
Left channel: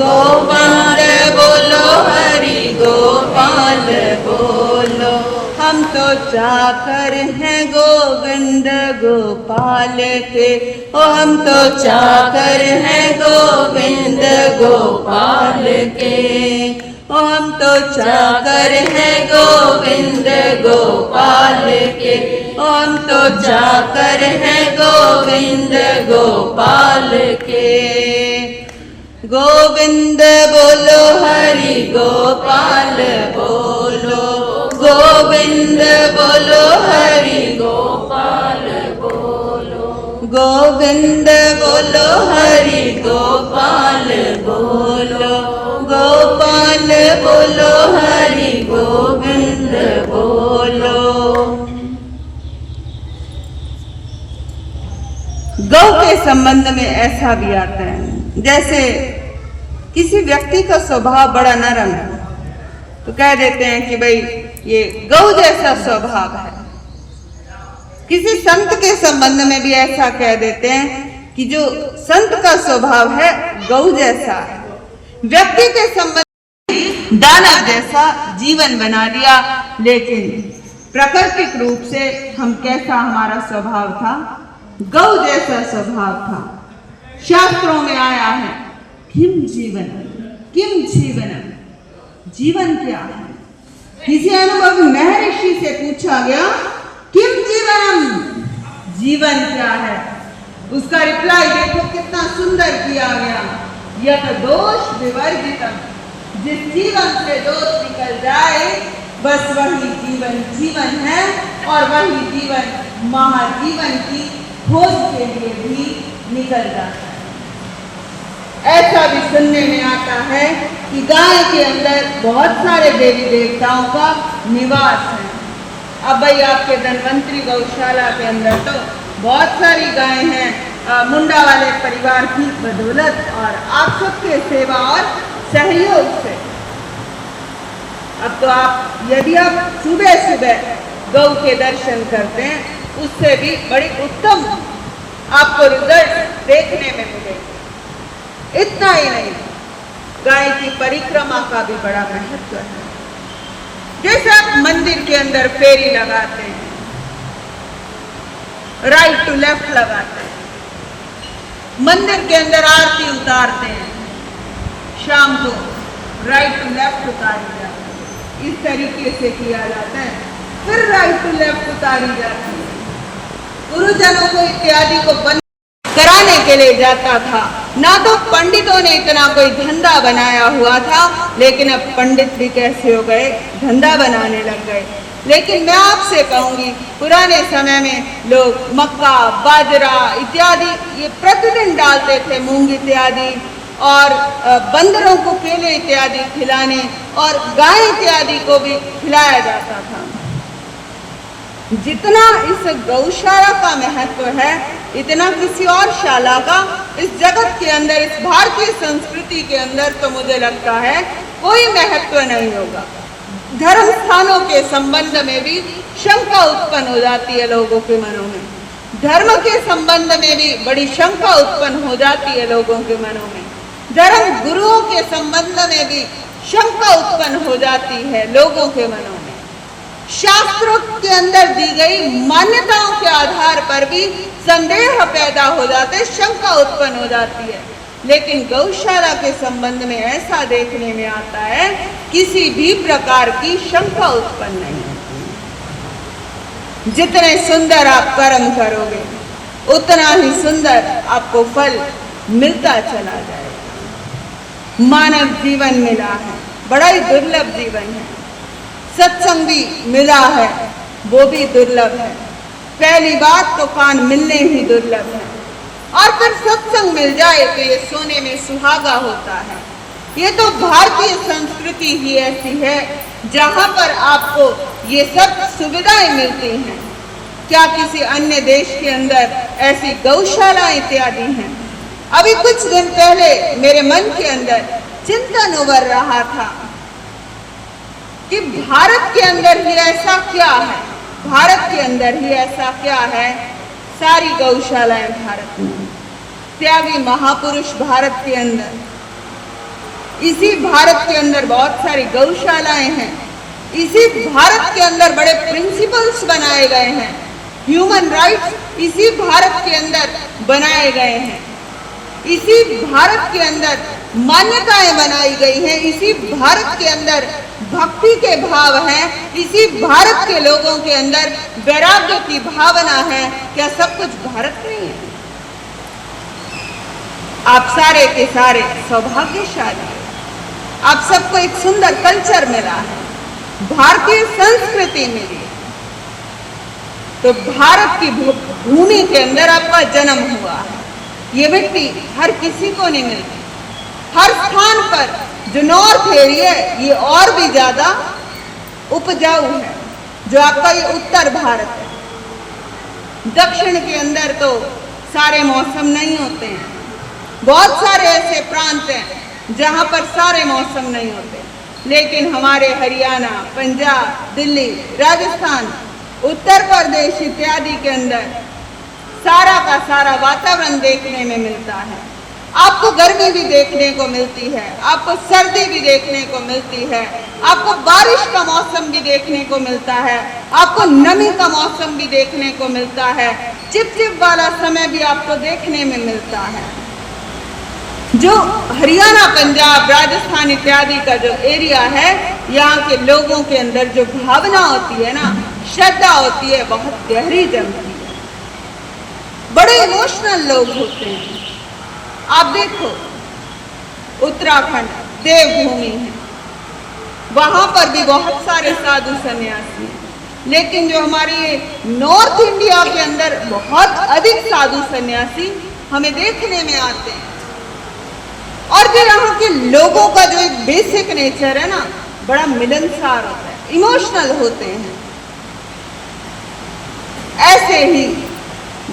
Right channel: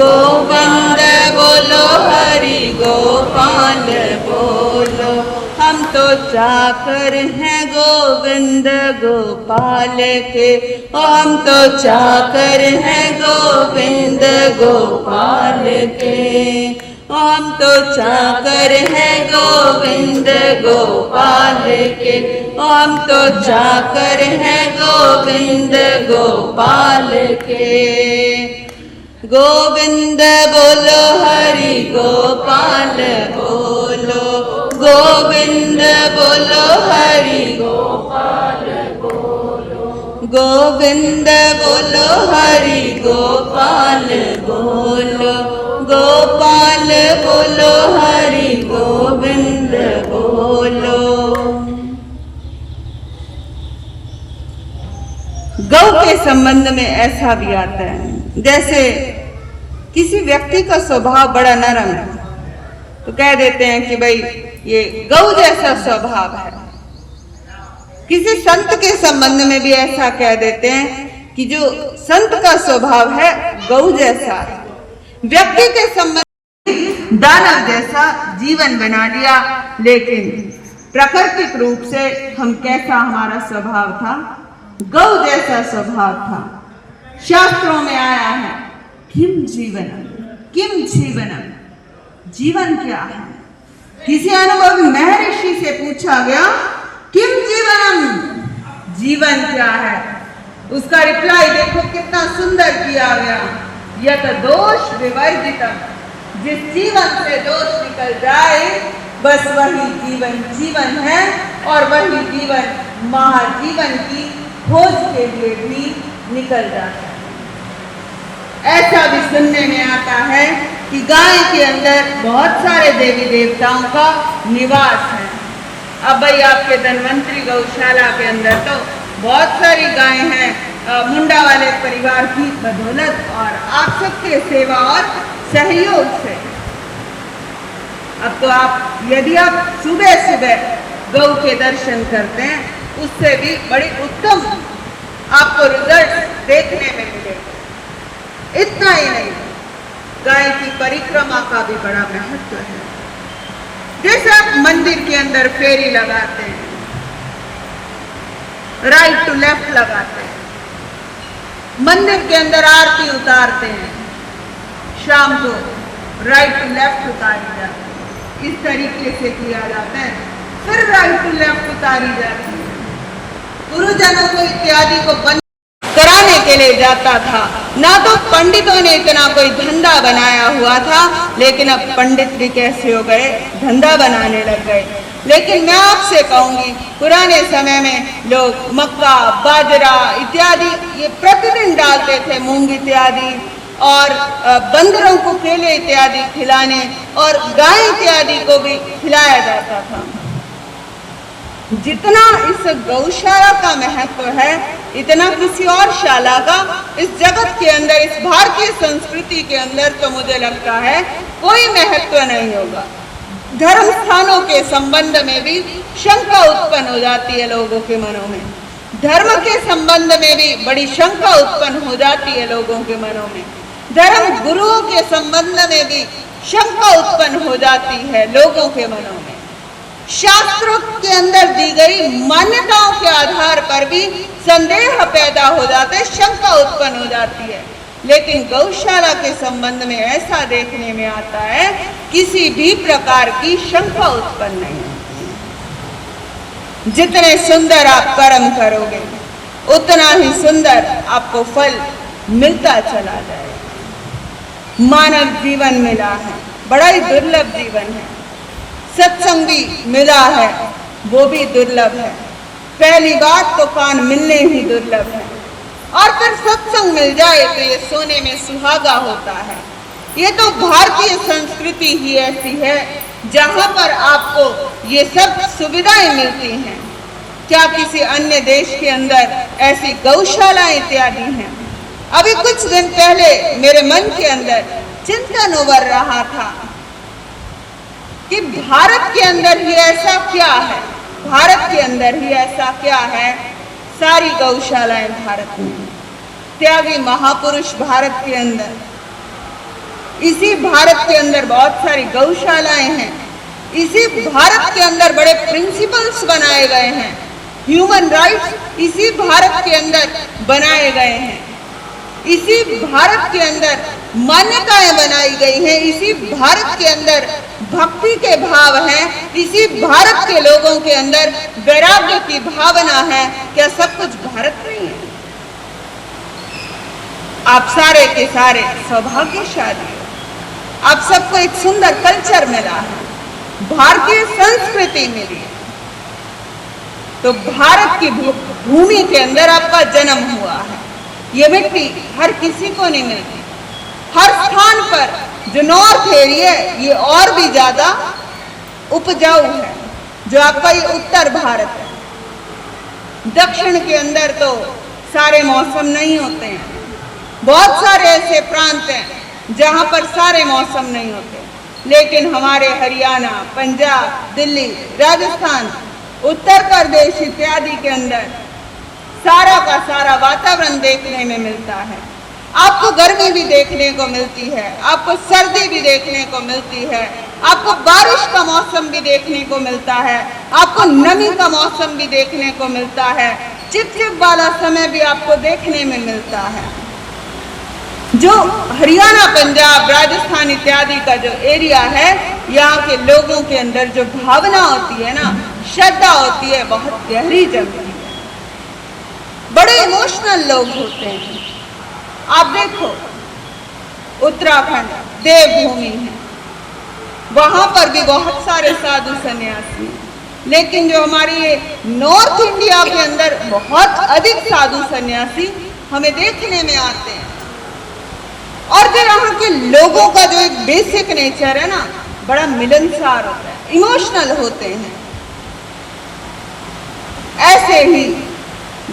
गोविंद बोलो हरि गोपाल बोलो। हम तो चाकर हैं गोविंद गोपाल के, ओ हम तो चाकर हैं गोविंद गोपाल के, ओ हम तो चाकर हैं गोविंद गोपाल के, ओ हम तो चाकर हैं गोविंद गोपाल के। गोविंद बोलो हरि गोपाल बोलो, गोविंद बोलो हरि गोपाल बोलो, गोविंद बोलो हरि गोपाल बोलो, गोपाल बोलो हरि गोविंद बोलो। गौ के संबंध में ऐसा भी आता है, जैसे किसी व्यक्ति का स्वभाव बड़ा नरम है तो कह देते हैं कि भाई ये गौ जैसा स्वभाव है। किसी संत के संबंध में भी ऐसा कह देते हैं कि जो संत का स्वभाव है गौ जैसा है। व्यक्ति के संबंध में दानव जैसा जीवन बना दिया, लेकिन प्राकृतिक रूप से हम कैसा हमारा स्वभाव था, गौ जैसा स्वभाव था। शास्त्रों में आया है किम जीवनम, किम जीवनम, जीवन क्या है। किसी अनुभवी महर्षि से पूछा गया किम जीवनम, जीवन क्या है। उसका रिप्लाई देखो कितना सुंदर किया गया, यत दोष विवर्जितम, जिस जीवन से दोष निकल जाए बस वही जीवन जीवन है, और वही जीवन महाजीवन की खोज के लिए भी निकल जाता है। ऐसा भी सुनने में आता है कि गाय के अंदर बहुत सारे देवी देवताओं का निवास है। अब भाई आपके धन्वंतरी गौशाला के अंदर तो बहुत सारी गायें हैं, मुंडा वाले परिवार की बदौलत और आप सबके सेवा और सहयोग से। अब तो आप यदि आप सुबह सुबह गौ के दर्शन करते हैं उससे भी बड़ी उत्तम आपको रिजल्ट देखने में मिलेगा। इतना ही नहीं, गाय की परिक्रमा का भी बड़ा महत्व है। जैसे आप मंदिर के अंदर फेरी लगाते हैं, राइट टू लेफ्ट लगाते हैं, मंदिर के अंदर आरती उतारते हैं, शाम को राइट टू लेफ्ट उतारी जाती है, इस तरीके से किया जाता है। फिर राइट टू लेफ्ट उतारी जाती है। गुरुजनों को इत्यादि को बंद कराने के लिए जाता था। ना तो पंडितों ने इतना कोई धंधा बनाया हुआ था, लेकिन अब पंडित भी कैसे हो गए, धंधा बनाने लग गए। लेकिन मैं आपसे कहूंगी, पुराने समय में लोग मक्का, बाजरा इत्यादि ये प्रतिदिन डालते थे, मूंग इत्यादि, और बंदरों को केले इत्यादि खिलाने और गाय इत्यादि को भी खिलाया जाता था। जितना इस गौशाला का महत्व है, इतना किसी और शाला का इस जगत के अंदर, इस भारतीय संस्कृति के अंदर तो मुझे लगता है कोई महत्व नहीं होगा। धर्म स्थानों के संबंध में भी शंका उत्पन्न हो जाती है लोगों के मनों में। धर्म के संबंध में भी बड़ी शंका उत्पन्न हो जाती है लोगों के मनों में। धर्म गुरुओं के संबंध में भी शंका उत्पन्न हो जाती है लोगों के मनों में। शास्त्रों के अंदर दी गई मान्यताओं के आधार पर भी संदेह पैदा हो जाते, शंका उत्पन्न हो जाती है। लेकिन गौशाला के संबंध में ऐसा देखने में आता है, किसी भी प्रकार की शंका उत्पन्न नहीं होती। जितने सुंदर आप कर्म करोगे, उतना ही सुंदर आपको फल मिलता चला जाएगा। मानव जीवन मिला है, बड़ा ही दुर्लभ जीवन है। सत्संग भी मिला है, वो भी दुर्लभ है। पहली बात तो कान मिलने ही दुर्लभ है, और फिर सत्संग मिल जाए तो ये सोने में सुहागा होता है। ये तो भारतीय संस्कृति ही ऐसी है जहाँ पर आपको ये सब सुविधाएं मिलती हैं। क्या किसी अन्य देश के अंदर ऐसी गौशाला इत्यादि हैं? अभी कुछ दिन पहले मेरे मन के अंदर चिंतन उभर रहा था कि भारत के अंदर ही ऐसा क्या है, भारत के अंदर ही ऐसा क्या है। सारी गौशालाएं भारत में, त्यागी महापुरुष भारत के अंदर, इसी भारत के अंदर बहुत सारी गौशालाएं हैं। इसी भारत के अंदर बड़े प्रिंसिपल्स बनाए गए हैं, ह्यूमन राइट्स इसी भारत के अंदर बनाए गए हैं। इसी भारत के अंदर मान्यताएं बनाई गई हैं, इसी भारत के अंदर भक्ति के भाव हैं, इसी भारत के लोगों के अंदर वैराग्य की भावना है। क्या सब कुछ भारत नहीं है? आप सारे के सारे सौभाग्यशाली हो। आप सबको एक सुंदर कल्चर मिला है, भारतीय संस्कृति मिली है। तो भारत की भूमि के अंदर आपका जन्म हुआ है। ये मिट्टी हर किसी को नहीं मिलती। हर स्थान पर जो नॉर्थ एरिया है, ये और भी ज्यादा उपजाऊ है, जो आपका ये उत्तर भारत है। दक्षिण के अंदर तो सारे मौसम नहीं होते हैं। बहुत सारे ऐसे प्रांत हैं जहां पर सारे मौसम नहीं होते, लेकिन हमारे हरियाणा, पंजाब, दिल्ली, राजस्थान, उत्तर प्रदेश इत्यादि के अंदर सारा का सारा वातावरण देखने में मिलता है। आपको गर्मी भी देखने को मिलती है, आपको सर्दी भी देखने को मिलती है, आपको बारिश का मौसम भी देखने को मिलता है, आपको नमी का मौसम भी देखने को मिलता है, चिपचिप वाला समय भी आपको देखने में मिलता है। जो हरियाणा, पंजाब, राजस्थान इत्यादि का जो एरिया है, यहाँ के लोगों के अंदर जो भावना होती है ना, श्रद्धा होती है, बहुत गहरी जमती है। बड़े इमोशनल लोग होते हैं। आप देखो, उत्तराखंड देवभूमि है, वहां पर भी बहुत सारे साधु सन्यासी, लेकिन जो हमारी ये नॉर्थ इंडिया के अंदर बहुत अधिक साधु सन्यासी हमें देखने में आते हैं। और जो यहाँ के लोगों का जो एक बेसिक नेचर है ना, बड़ा मिलनसार होता है, इमोशनल होते हैं। ऐसे ही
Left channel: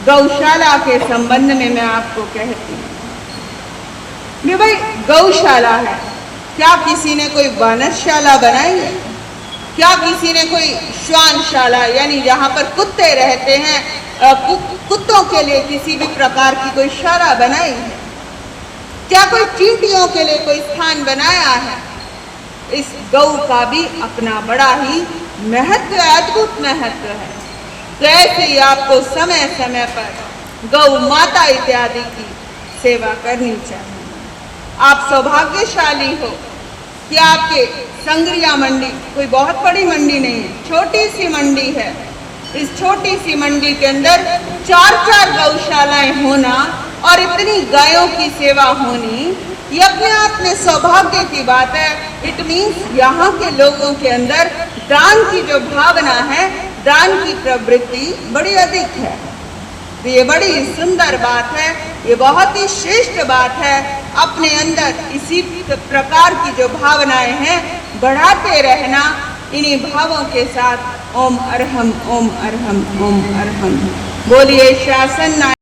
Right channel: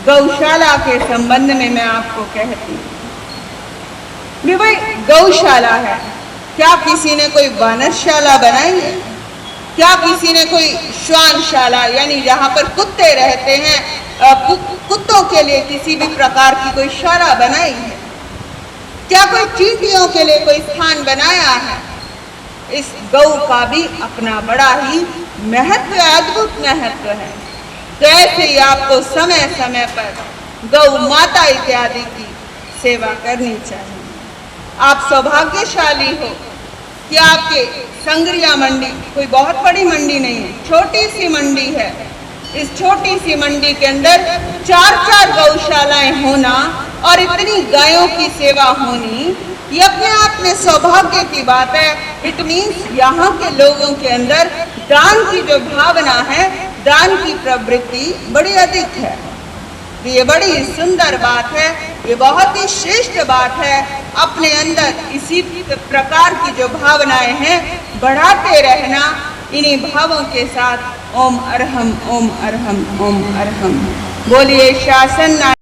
गौशाला के संबंध में मैं आपको कहती हूँ कि भाई गौशाला है, क्या किसी ने कोई वानरशाला बनाई है? क्या किसी ने कोई श्वानशाला, यानी जहाँ पर कुत्ते रहते हैं, कुत्तों के लिए किसी भी प्रकार की कोई शाला बनाई है? क्या कोई चींटियों के लिए कोई स्थान बनाया है? इस गौ का भी अपना बड़ा ही महत्व, अद्भुत महत्व है। तो ऐसे ही आपको समय समय पर गौ माता इत्यादि की सेवा करनी चाहिए। आप सौभाग्यशाली हो कि आपके संग्रिया मंडी कोई बहुत बड़ी मंडी नहीं है, छोटी सी मंडी है। इस छोटी सी मंडी के अंदर 4-4 गौशालाएं होना और इतनी गायों की सेवा होनी, ये अपने आप में सौभाग्य की बात है। इट मीन्स यहाँ के लोगों के अंदर दान की जो भावना है, दान की प्रवृत्ति बड़ी अधिक है। तो ये बड़ी सुंदर बात है, ये बहुत ही श्रेष्ठ बात है अपने अंदर इसी प्रकार की जो भावनाएं हैं बढ़ाते रहना। इन्हीं भावों के साथ ओम अरहम, ओम अरहम, ओम अरहम। बोलिए शासन